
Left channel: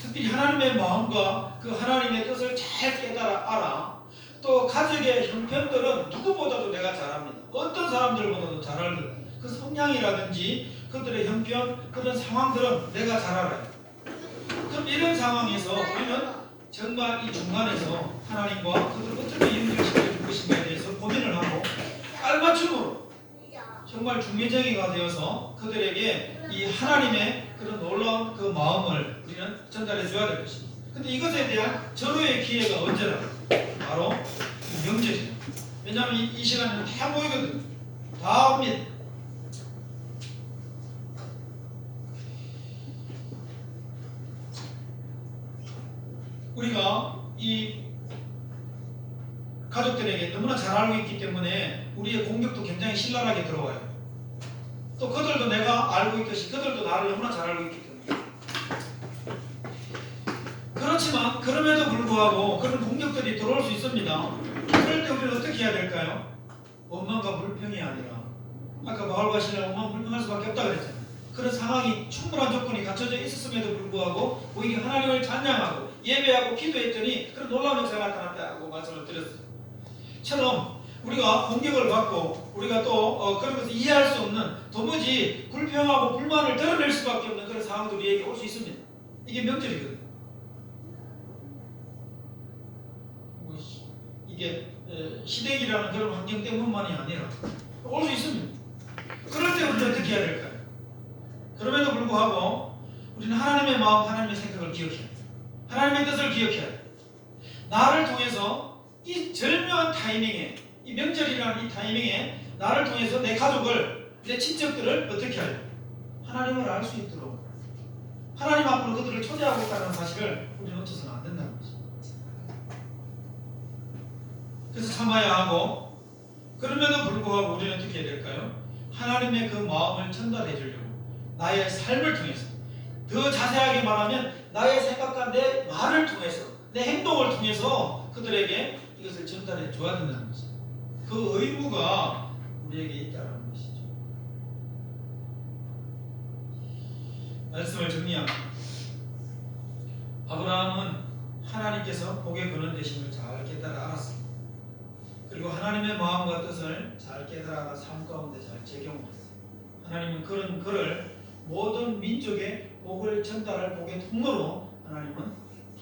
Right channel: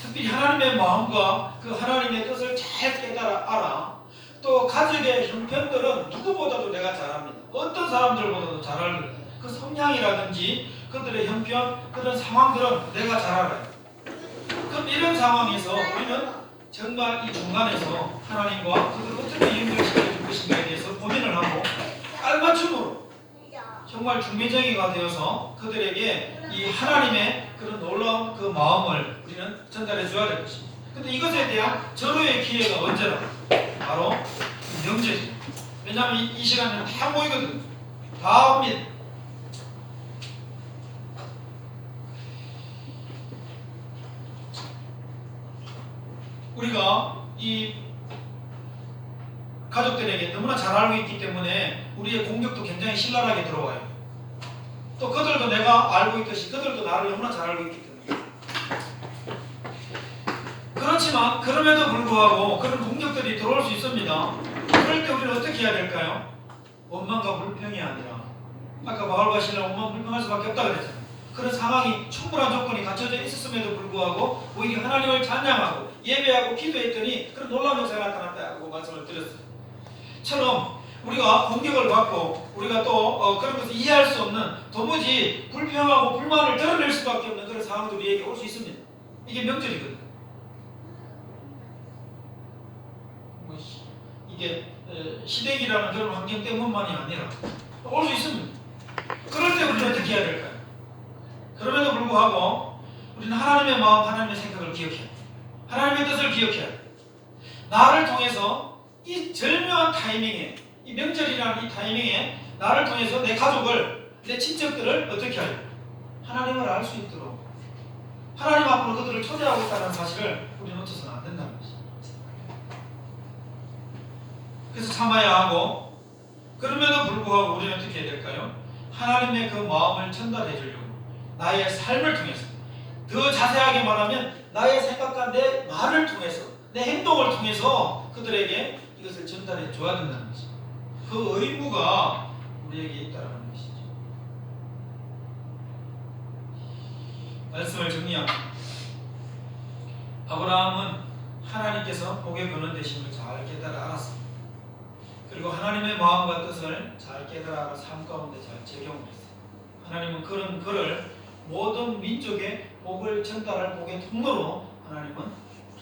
특별히 하나님의 마음과 그 하나님의 뜻을 잘 깨달아 알아. 또 가족의 형편들은 누구보다도 내가 잘 압니다. 어떤 사람들보다도 잘 알거든요. 그 성향이라든지 그들의 형편, 그런 상황들은 내가 잘 알아요. 그럼 이런 상황에서 우리는 정말 이 중간에서 하나님과 그들을 어떻게 연결시켜줄 것인가에 대해서 고민을 하고 깔맞춤으로 정말 중매쟁이가 되어서 그들에게 이 하나님의 그런 놀라운 그 마음을 우리는 전달해 줘야 될 것입니다. 근데 이것에 대한 절호의 기회가 언제나 바로 명절입니다. 왜냐하면 이 시간에는 다 모이거든요. 다 옵니다. 우리가 이 가족들에게 너무나 잘 알고 있기 때문에 우리의 공격도 굉장히 신랄하게 들어와요. 또 그들도 내가 알고 있듯이 그들도 나를 너무나 잘 알고 있기 때문에. 그렇지만 그럼에도 불구하고 그런 공격들이 들어올 수 있습니다. 그럴 때 우리는 어떻게 해야 될까요? 원망과 불평이 아니라, 아까 바울과 실라 원망 불평할 수밖에 없다 그랬잖아요. 그런 상황이 충분한 조건이 갖춰져 있었음에도 불구하고 오히려 하나님을 찬양하고 예배하고 기도했더니 그런 놀라운 역사가 나타났다고 말씀을 드렸어요. 처럼 우리가 공격을 받고 우리가 또 그런 것을 이해할 수 없는, 도무지 불평하고 불만을 드러낼 수밖에 없는 그런 상황도 우리에게 올 수 있습니다. 이게 명절이거든요. 이게 시댁이라는 그런 환경 때문만이 아니라 올 수 있습니다. 그럴 때 우리는 어떻게 해야 될까요? 그럼에도 불구하고 우리는 하나님의 마음, 하나님의 생각을 기억해야 돼. 하나님의 뜻을 기억해야 돼. 나를 통해서 이 절묘한 타이밍에, 이 명절이라는 이 타이밍에 나를 통해서 내 가족을, 내 친척들을 어떻게 하려? 하나님을 알 수 있도록 하나님 앞으로 그들을 초대하고 있다는 사실을 우리는 놓쳐서는 안 된다는 것이죠. 그래서 참아야 하고, 그럼에도 불구하고 우리는 어떻게 해야 될까요? 하나님의 그 마음을 전달해 주려고 나의 삶을 통해서, 더 자세하게 말하면 나의 생각과 내 말을 통해서, 내 행동을 통해서 그들에게 이것을 전달해 줘야 된다는 것이죠. 그 의무가 우리에게 있다는 것이죠. 말씀을 정리합니다. 아브라함은 하나님께서 복에 거는 되심을 잘 깨달아 알았습니다. 그리고 하나님의 마음과 뜻을 잘 깨달아 알아 삶 가운데 잘 적용을 했어요. 하나님은 그런 그를 모든 민족의 복을 전달할 복의 통로로 하나님은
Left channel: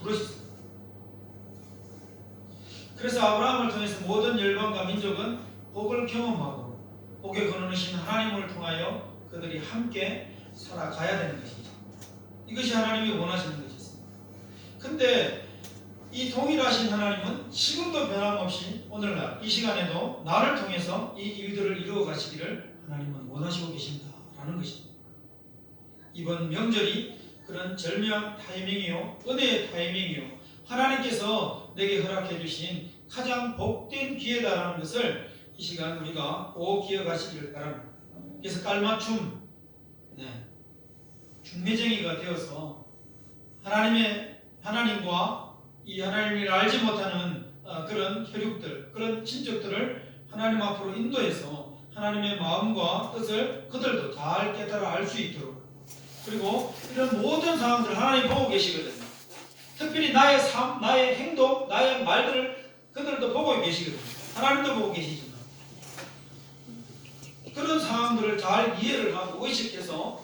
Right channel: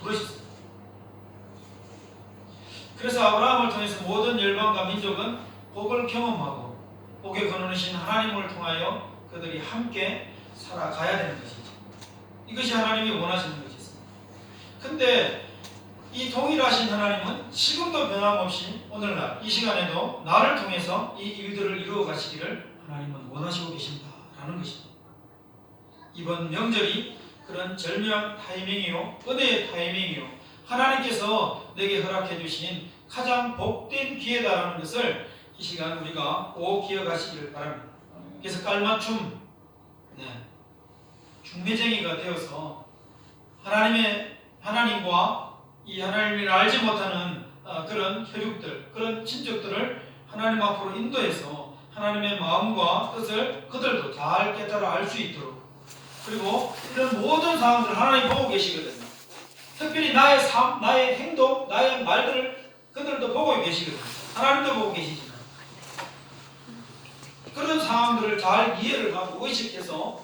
부르셨습니다. 그래서 아브라함을 통해서 모든 열방과 민족은 복을 경험하고 복에 거느신 하나님을 통하여 그들이 함께 살아가야 되는 것이죠. 이것이 하나님이 원하시는 것이었습니다. 근데 이 동일하신 하나님은 지금도 변함없이 오늘날 이 시간에도 나를 통해서 이 일들을 이루어 가시기를 하나님은 원하시고 계신다라는 것입니다. 이번 명절이 그런 절묘한 타이밍이요, 은혜의 타이밍이요, 하나님께서 내게 허락해 주신 가장 복된 기회다라는 것을 이 시간 우리가 꼭 기억하시기를 바랍니다. 그래서 깔맞춤, 중매쟁이가 되어서 하나님과 이 하나님을 알지 못하는 그런 혈육들, 그런 친족들을 하나님 앞으로 인도해서 하나님의 마음과 뜻을 그들도 잘 깨달아 알 수 있도록, 그리고 이런 모든 상황들을 하나님 보고 계시거든요. 특별히 나의 삶, 나의 행동, 나의 말들을 그들도 보고 계시거든요. 하나님도 보고 계시지만 그런 상황들을 잘 이해를 하고 의식해서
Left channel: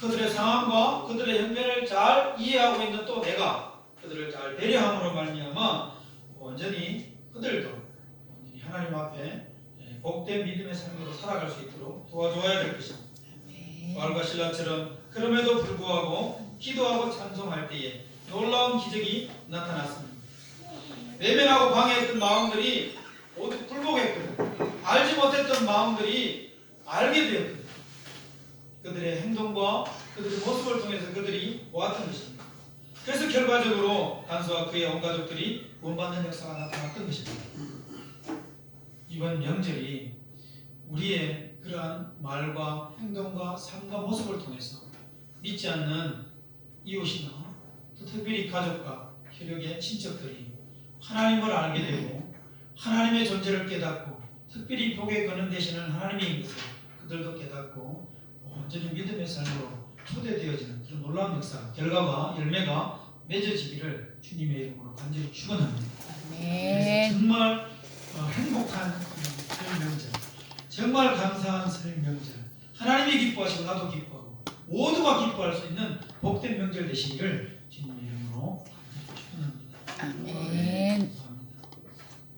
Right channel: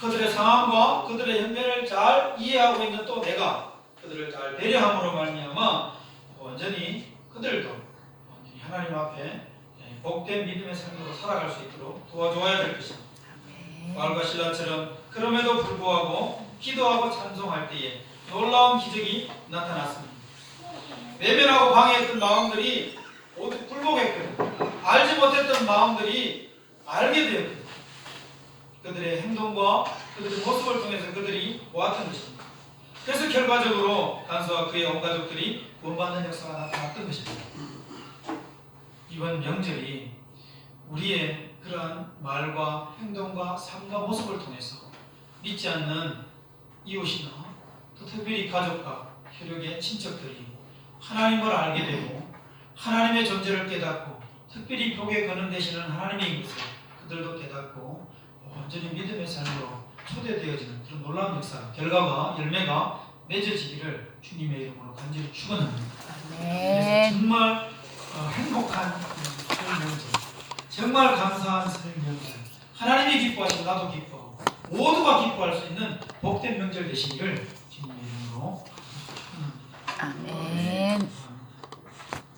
그들의 상황과 그들의 형편을 잘 이해하고 있는 또 내가 그들을 잘 배려함으로 말미암아 온전히 그들도 온전히 하나님 앞에 복된 믿음의 삶으로 살아갈 수 있도록 도와줘야 될 것입니다. 바울과 실라처럼 그럼에도 불구하고 기도하고 찬송할 때에 놀라운 기적이 나타났습니다. 외면하고 방해했던 마음들이 모두 굴복했거든요. 알지 못했던 마음들이 알게 되었거든요. 그들의 행동과 그들의 모습을 통해서 그들이 보았던 것입니다. 그래서 결과적으로 간수와 그의 온 가족들이 구원받는 역사가 나타났던 것입니다. 이번 명절이 우리의 그러한 말과 행동과 삶과 모습을 통해서 믿지 않는 이웃이나 또 특별히 가족과 혈육의 친척들이 하나님을 알게 되고 하나님의 존재를 깨닫고 특별히 복에 거는 되시는 하나님의 것을 그들도 깨닫고 온전히 믿음의 삶으로 초대되어지는 그런 놀라운 역사, 결과가 열매가 맺어지기를 주님의 이름으로 간절히 축원합니다. 그래서 정말 행복한 설 명절, 정말 감사한 설 명절, 하나님이 기뻐하시고 나도 기뻐하고 모두가 기뻐할 수 있는 복된 명절 되시기를 주님의 이름으로